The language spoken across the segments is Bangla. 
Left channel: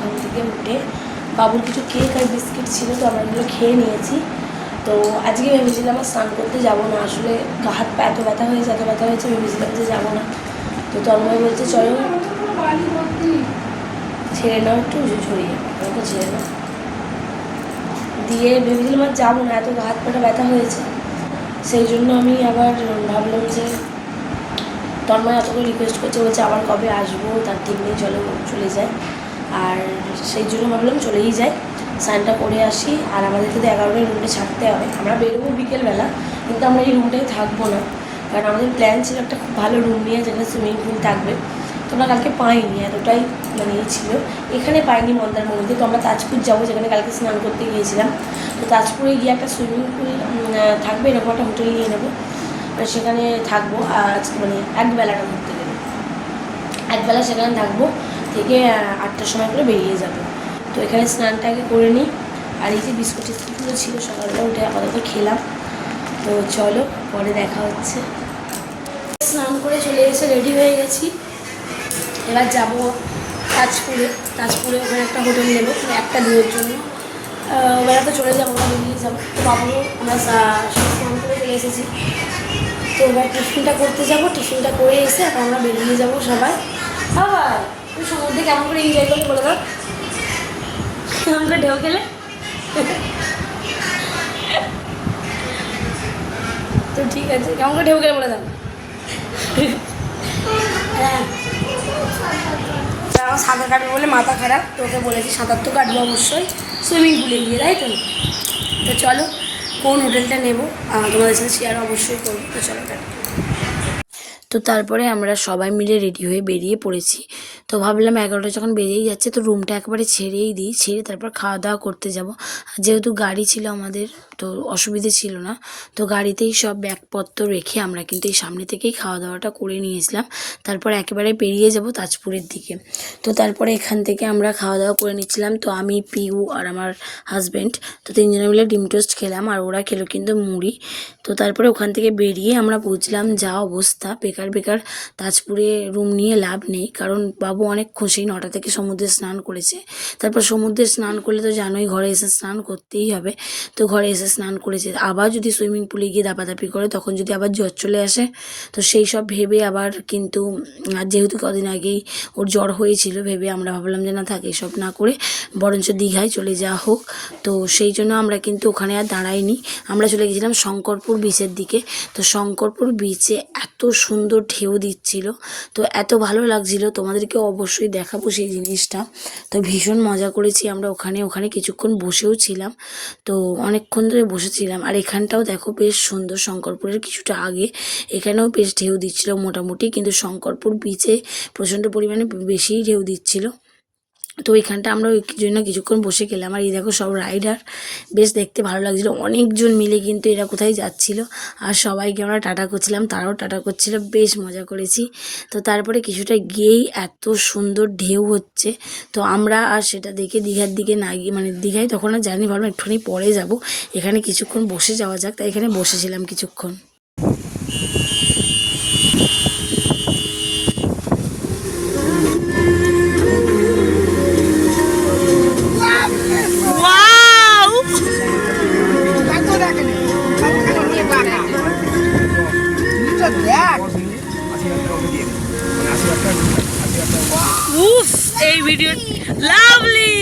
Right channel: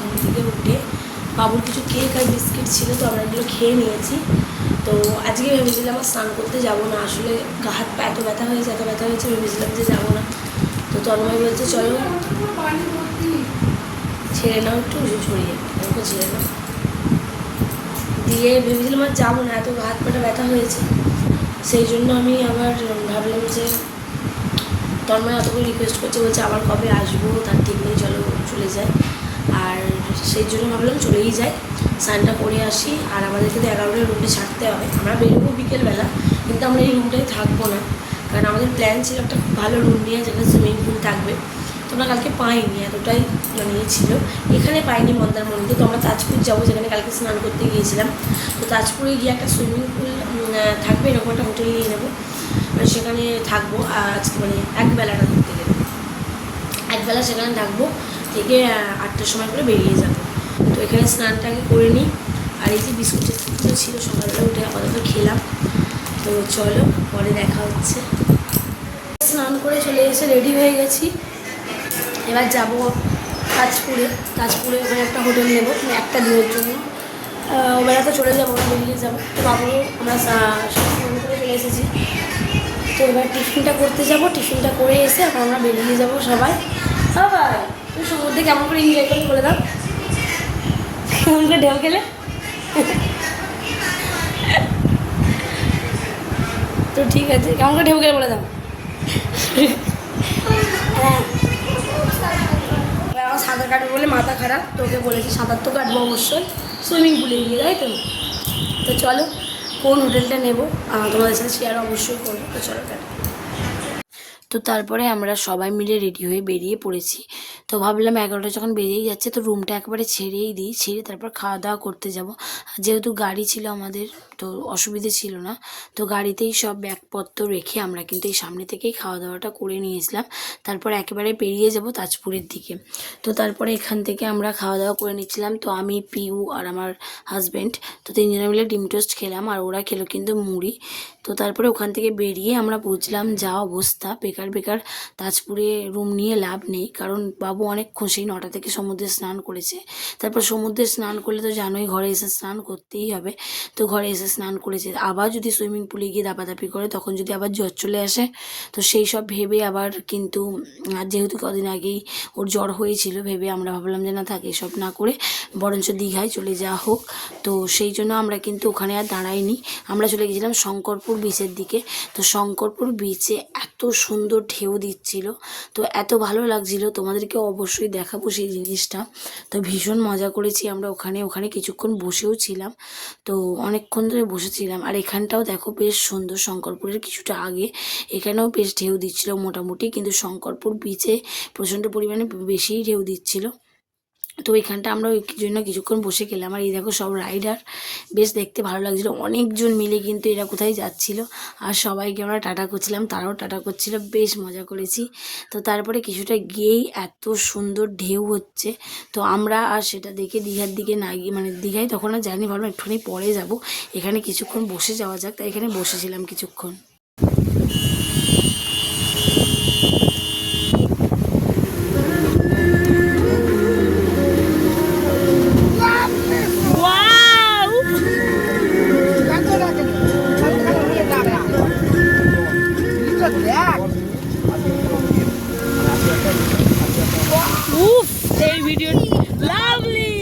ঘুম থেকে উঠে বাবুর কিছু কেক আর বিস্কিট ছিল, তো আমরা এগুলো খেয়ে নিয়েছি। তো আজকে ভেবেছিলাম স্নান করতে যাবো না, আসলে হাত পা এত ব্যথা হয়েছে ভেবেছিলাম যে যাবো না। তো তন্ময় বলছে চলো ছেড়ে নাও, একটু ছড়িয়ে ওকে ছেড়ে নাও, দিয়ে ভেবেছিলাম আর যাবো না, এত হাত পাটা ব্যথা হয়েছে। সেই জন্য আমি আবার ভাবলাম যে তন্ময় এতটা রিকোয়েস্ট করছে, বলছে আবার কবে আসবো তার ঠিক নেই, চলো চলে যায়। আর সেই জন্য ভাবলাম চলেই যাই, স্নানটা করে আসি। আর আমাদের কিন্তু 11টায় রুমে ছাড়তে হবে, আমরা বেরোবো বিকেলবেলা, কিন্তু আমরা এই রুমটাই থাকবো না, কারণ আমাদের প্ল্যান ছিল একটা খুব ভালো রুম নিয়ে যেখানে সুইমিং পুল থাকবে। তো আমরা কালকে পাইনি, এতটাই মানে ছিল এখানে পাইনি মন্দারমণিতে। তো আমরা তাজপুর যাবো, যেখানে কালকে স্নান করতে গিয়েছিলাম। তো তাজপুরে গিয়ে একটা সুইমিং পুল থাকবে, এরকম একটা হোটেল নিয়ে নেবো, আর সেখানে থাকবো। আর মানে একবেলাটা করতে গেলে একবেলা সেখানে থাকবো, থেকে 8টার সময় করে বেরিয়ে যাবো। তো এখানে স্নানটাকে করে নিই। আর এই যে বিস্কুটগুলো ছিল সকালবেলা উঠে আপাতত খেলাম। তো চলো পরে দেখা হচ্ছে। স্নান করে চলে এসে রেডি হয়ে গেছি, এবার যাবো তাজপুরে ওখানে একটা হোটেল নেবো একটা দিনের জন্য। বেড়াতে চলে যাবো, বেরিয়ে যাবো। বাবারও আমরা স্নান করে চলে এসেছি। তো এবার টিফিনটা করতে যাবো, টিফিনটা করে এসে আমরা বেরিয়ে যাবো সবাই। আবার তুমি সমুদ্রে কেমন করে এনজয় করে দাও, কেমন করে ঢেউ খেলে। তো ঠিক আছে, কেমন করে ঢেউ খেলে বলে দাও। হ্যাঁ, আমার সাঁতার কাটবো বলে মাথা খারাপ, তোকে বলেছি সাঁতার তো কাটবো অবশ্যই সুইমিং পুলে গিয়ে, তাই তো। তো চলো কোন হোটেলটা নেবো তোমাদের সাথে শেয়ার অবশ্যই করবো। তো চলো। তো তারপরে আমরা সবাই মিলে রেডি হয়ে বেরিয়ে পড়েছি। তো ভাবলাম 11টা যখন বেরিয়েই যাচ্ছে, তো রুমটা একবারে ছেড়েই দিই, ছেড়ে তারপর খাওয়া দাওয়া করতে যাব। যেহেতু গাড়ি ছিল আমাদের, তো অসুবিধে ছিল না। তো গাড়িতেই সব ব্যাগপত্র রেখে আমরা কিন্তু এই সামনে থেকেই খাওয়া দাওয়াটা করে নিয়েছিলাম। তারপর একেবারে বেরিয়ে যাব তাজপুরের দিকে। তো তারপরে এখান থেকে আমরা খাওয়া দাওয়া করে নিচ্ছিলাম। তো আমি, পিউ আর আমার হাজব্যান্ড, তো তিনজনে মিলে ডিম টোস্ট খেলাম, আর ওরা খেলো কিন্তু মুড়ি। তো তারপরে ওখান থেকে বেরিয়ে আমরা বুঝলাম যা অবস্থা, বেকার তাজপুরে রুম নিয়ে লাভ নেই, কারণ বাবু অনেক খুশি 9টা থেকে সমুদ্রে স্নান করেছে। তারপর সমুদ্রে স্নান করলে তো জানোই ঘরে এসে স্নান করতেই হবে। তো ঘরে এসে স্নান করেছে, আবার যদি সুইমিং পুলে গিয়ে দাপাদাপি করে তখন যদি আবার জ্বর চলে আসে, তো সেই সব ভেবে আবার কিন্তু যেহেতু কদিন আগেই ওর জ্বর হয়েছিল, ভেবে আমরা ভাবলাম যে না থাক, এসব না করে বরঞ্চ দীঘায় চলে যাওয়া হোক। তো সেই জন্য আমরা কিন্তু ওখানে আর দাঁড়াইনি, আমরা চলে গেছিলাম শঙ্করপুর বিচের দিকে। তো শঙ্করপুর বিচে এত সুন্দর ঢেউ দিচ্ছিল, তো এত ভালো লাগছিল, তোমাদেরকে অবশ্যই দেখাবো সেই জিনিসটা। তো ভীষণ মজা করেছি আমরা ওখানে কিছুক্ষণ বসেও ছিলাম, তো অনেকক্ষণ ধরে বসেছিলাম। আর এখানটাও দেখো বেশ সুন্দর, শঙ্করপুরের কিছুটা আগে এখানেও বেশ ঢেউ দিচ্ছিল মোটামুটি, কিন্তু শঙ্করপুর বিচে প্রচণ্ড পরিমাণে বেশিই ঢেউ দিচ্ছিল। তো এখানটা আমরা ওই জন্য কিছুক্ষণ বসে গেলাম। আর এই দেখো সব রাইডার, বেশ দেখতে ভালো লাগছিলো, অনেকজন মিলে কিন্তু এরা কোথায় যাচ্ছিল, আর সবাইকে আমরা টাটা করছিলাম, তারাও টাটা করছিল, বেশ মজা করেছি। তো তারপরে কিছুটা গিয়েই এত সুন্দর ঢেউ হচ্ছে, তো আমরা আর সেটা দেখে দীঘার দিকে না গিয়ে, মানে দীঘায় তখন আর জানি, ভাবলাম একটুখানি পরে যাব, এখানে কিছুক্ষণ বসে যাওয়া যাক, তাই এখানে বসেছিলাম কিছুক্ষণ। এই ভিডিও লাভলি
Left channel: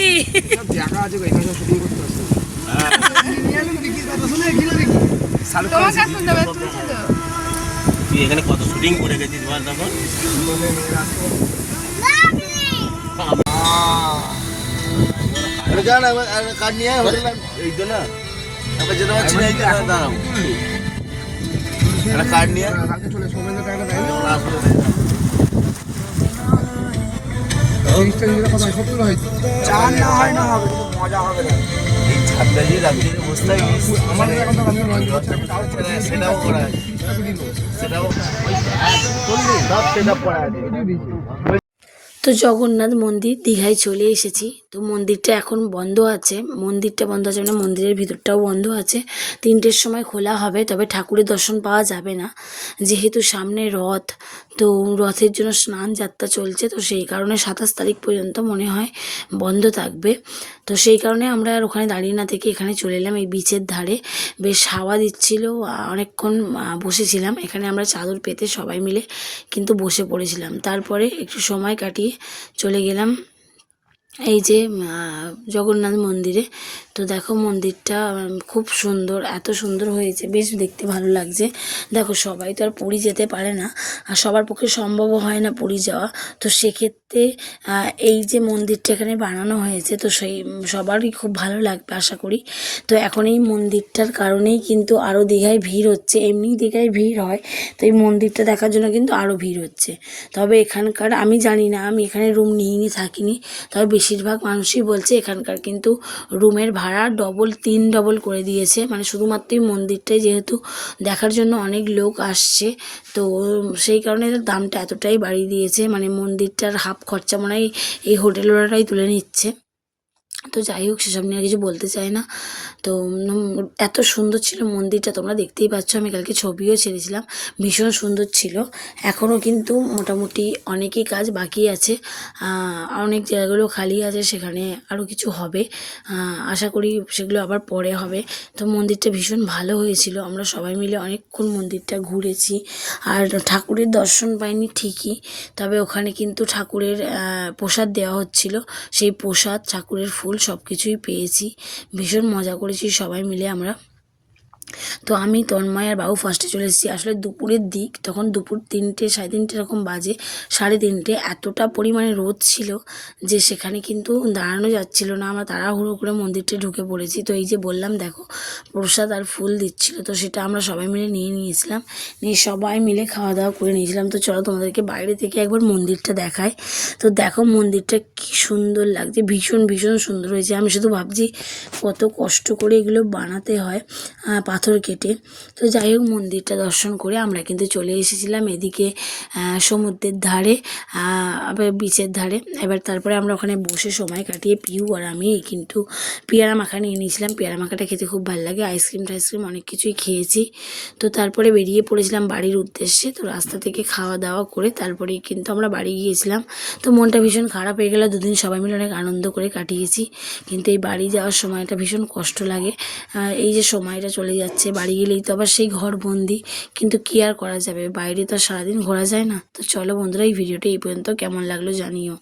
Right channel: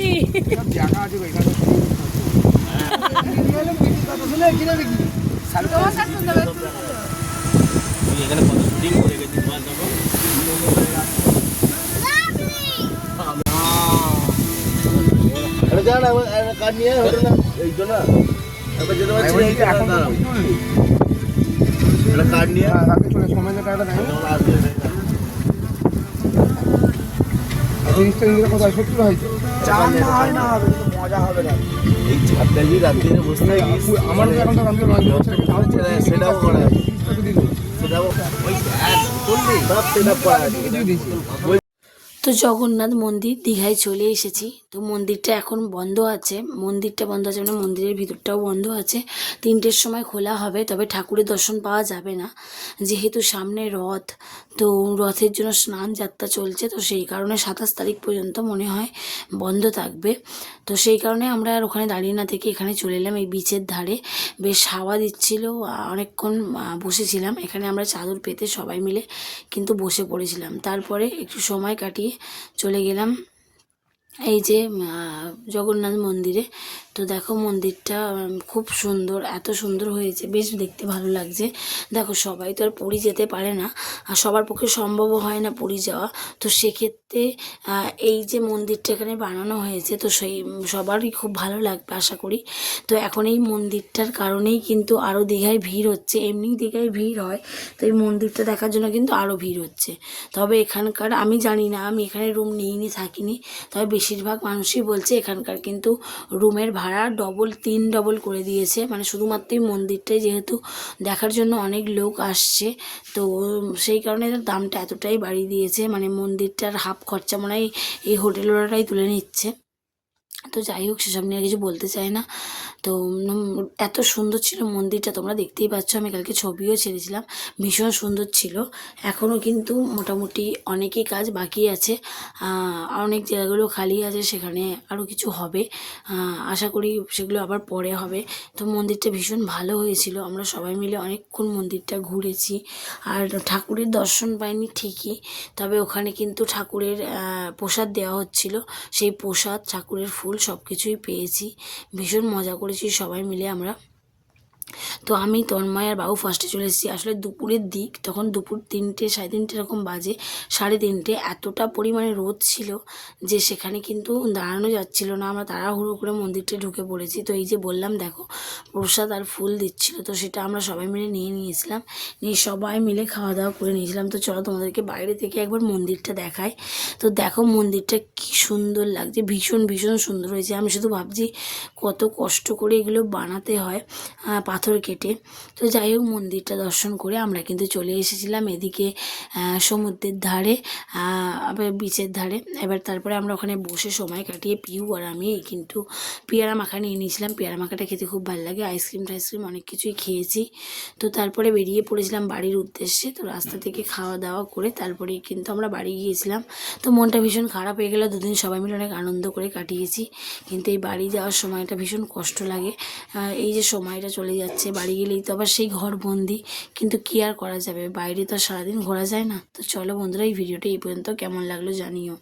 এখানে কত শুটিং করে গেছিস বল তখন। এই তো না এখন দাঁড়াবো কার্ড নিয়ে সেটাও করা সেটাও তো জগন্নাথ মন্দির দীঘায় চলে এসেছি। তো তো মন্দিরটা এখন বন্ধ আছে, মন্দিরটা বন্ধ আছে মানে মন্দিরের ভিতরটাও বন্ধ আছে। 3টের সময় খোলা হবে, তবে ঠাকুরের দর্শন পাওয়া যাবে না, যেহেতু সামনে রথ। তো রথের জন্য স্নান যাত্রা চলছে, তো সেই কারণে 27 তারিখ পর্যন্ত মনে হয় বন্ধ থাকবে। তো সেই কারণে আমরা আর ওখানে দাঁড়িয়ে না থেকে এখানে চলে এলাম এই বিচের ধারে। বেশ হাওয়া দিচ্ছিল, অনেকক্ষণ বসেছিলাম এখানে আমরা চাদর পেতে সবাই মিলে কিন্তু বসে পড়েছিলাম। তারপরে একটু সময় কাটিয়ে চলে গেলাম এই যে জগন্নাথ মন্দিরে। তো দেখো মন্দিরটা খুব সুন্দর, এত সুন্দর হয়েছে, বেশ দেখতে ভালো লাগছে। দেখো সবাই তো আর পুরী যেতে পারে না, আর সবার পক্ষে সম্ভবও হয় না পুরী যাওয়া। তো সেক্ষেত্রে এই যে মন্দিরটা এখানে বানানো হয়েছে, তো সেই সবারই খুব ভালো লাগবে আশা করি। তো এখন এই মন্দিরটার কারণেই কিন্তু আরও দীঘায় ভিড় হচ্ছে, এমনি দীঘায় ভিড় হয়, তো এই মন্দিরটা দেখার জন্য কিন্তু আরও ভিড় হচ্ছে। তবে এখানকার আমি জানি না, আমি এখানে রুম নিয়ে থাকিনি, তবে বেশিরভাগ মানুষই বলছে এখানকার কিন্তু রুমের ভাড়া তিন ডবল করে দিয়েছে, মানে শুধুমাত্র এই মন্দিরটাই যেহেতু দেখার জন্য অনেক লোক আসছে, তো সেই কারণে দামটা এতটাই বাড়িয়ে দিয়েছে। মানে মন্দিরটার হাফ খরচা মনে হয় এই হোটেলওয়ালারাই তুলে নিচ্ছে। তো যাই হোক, সেসব নিয়ে কিছু বলতে চাই না। তো এত সুন্দর ছিল মন্দিরটা, তোমরা দেখতেই পাচ্ছ, আমি কালকে ছবিও ছেড়েছিলাম, ভীষণ সুন্দর ছিল। এখনও কিন্তু মোটামুটি অনেকই কাজ বাকি আছে, অনেক জায়গাগুলো খালি আছে, সেখানে আরও কিছু হবে, আশা করি সেগুলো আবার পরে হবে। তো মন্দিরটা ভীষণ ভালো হয়েছিল, আমরা সবাই মিলে অনেকক্ষণ মন্দিরটা ঘুরেছি। আর ঠাকুরের দর্শন পাইনি ঠিকই, তবে ওখানে কিন্তু ঠাকুরের প্রসাদ দেওয়া হচ্ছিল, সেই প্রসাদ, ঠাকুরের ফুল সব কিছুই পেয়েছি, ভীষণ মজা করেছি সবাই মিলে আমরা। তো আমি, তন্ময় আর বাবু ফার্স্টে চলে এসেছি। আসলে দুপুরের দিক, তখন দুপুর 3টে 3:30 এরকম বাজে, 3:30, এতটা পরিমাণে রোদ ছিল যে সেখানে কিন্তু দাঁড়ানো যাচ্ছিল না। আমরা তাড়াহুড়ো করে মন্দিরটা ঢুকে পড়েছি। তো এই যে বললাম দেখো প্রসাদ আর ফুল দিচ্ছিল, তো সেটা আমরা সবাই মিলে নিয়ে নিয়েছিলাম, নিয়ে সবাই মিলে খাওয়া দাওয়া করে নিয়েছিলাম। তো চলো তোমাদেরকে বাইরে থেকে একবার মন্দিরটা দেখাই। তো দেখো মন্দিরটা কি সুন্দর লাগছে, ভীষণ ভীষণ সুন্দর হয়েছে। আমি শুধু ভাবছি কত কষ্ট করে এগুলো বানাতে হয়, পাথর কেটে। তো যাই হোক, মন্দিরটা দর্শন করে আমরা কিন্তু চলে এসেছিলাম এদিকে সমুদ্রের ধারে, আবার বিচের ধারে। এবার তারপরে আমরা ওখানে বসে সময় কাটিয়ে পিউ আর আমি কিন্তু পেয়ারা মাখা নিয়ে নিয়েছিলাম। পেয়ারা মাখাটা খেতে খুব ভালো লাগে, আইসক্রিম টাইসক্রিম অনেক কিছুই খেয়েছি। তো তারপরে বেরিয়ে পড়েছিলাম বাড়ির উদ্দেশ্যে। তো রাস্তা থেকে খাওয়া দাওয়া করে তারপরেই কিন্তু আমরা বাড়ি গিয়েছিলাম। তো মনটা ভীষণ খারাপ হয়ে গেল, দুদিন সবাই মিলে অনেক আনন্দ করে কাটিয়েছি, কিন্তু এই বাড়ি যাওয়ার সময়টা ভীষণ কষ্ট লাগে। এই যে সময়টা চলে যাচ্ছে, বাড়ি গেলেই তো আবার সেই ঘরবন্দি, কিন্তু কী আর করা যাবে, বাইরে তো সারাদিন ঘোরা যায় না। তো চলো বন্ধুরা, এই ভিডিওটা এই পর্যন্ত, কেমন লাগলো জানিও।